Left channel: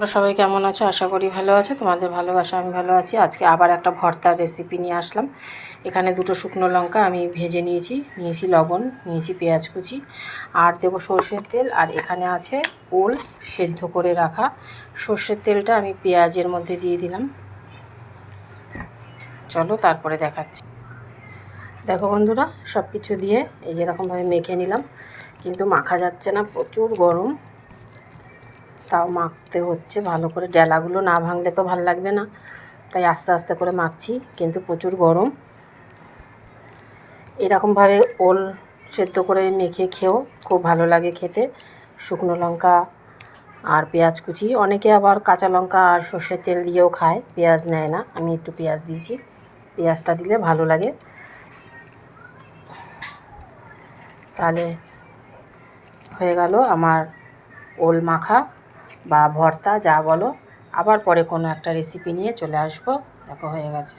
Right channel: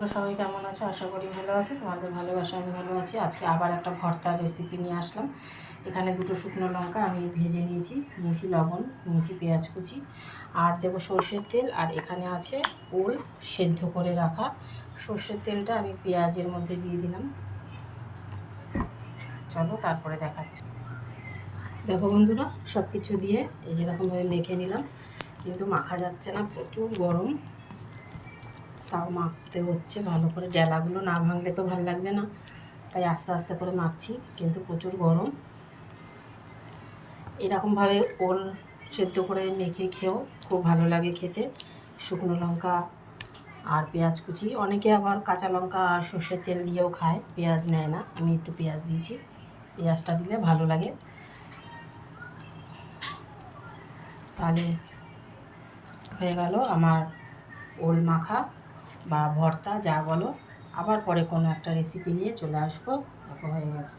তোমরা সবাই কেমন আছো? আশা করি ভালো আছো। তোমাদের ভালোবাসা আমি ভালো আছি। আজকে আবার একটা ভর্তার রেসিপি নিয়ে আসলাম। এখানে দুটো শুকনো লঙ্কা আমি ভেজে নিয়েছি লবণ, নিয়েছি পেঁয়াজ কুচি, আর দেবো সর্ষের তেল। আর এখানে আছে ওল সেদ্ধ করে রাখা। সর্ষের তেলটা আমি পেঁয়াজের মধ্যে দিয়ে দিলাম। চলো তারপরে দেখাচ্ছি। দেখো বন্ধুরা, সব কিছু দিয়ে এই যেরকমভাবে মেখে নিলাম, কিন্তু মাখা যাচ্ছে না, প্রচুর গরম। তাও মাখতে হচ্ছে ভালো করে, ডেলাগুলো না ভাঙলে তো ভালো লাগবে না, তাই আস্তে আস্তে করে মাখছি, কিন্তু প্রচুর গরম। এরকমভাবে ওল সেদ্ধ করে মেখে খেয়েও খুব ভালো লাগে খেতে, শুকনো লঙ্কা আর পেঁয়াজ কুচি। অনেকে আবার কাঁচা লঙ্কা আর সর্ষের তেল দিয়েও খায়, পেঁয়াজ নেয় না, আমি একটু পেঁয়াজ দিয়েছি। পেঁয়াজটা দিলে ভালো লাগে। তাহলে হয়ে গেল আমার ওল মাখা বা ভর্তা, যা বলো। আবার পরে কোনো একটা রেসিপি নিয়ে চলে আসবো। দেখো হয়ে গেছে।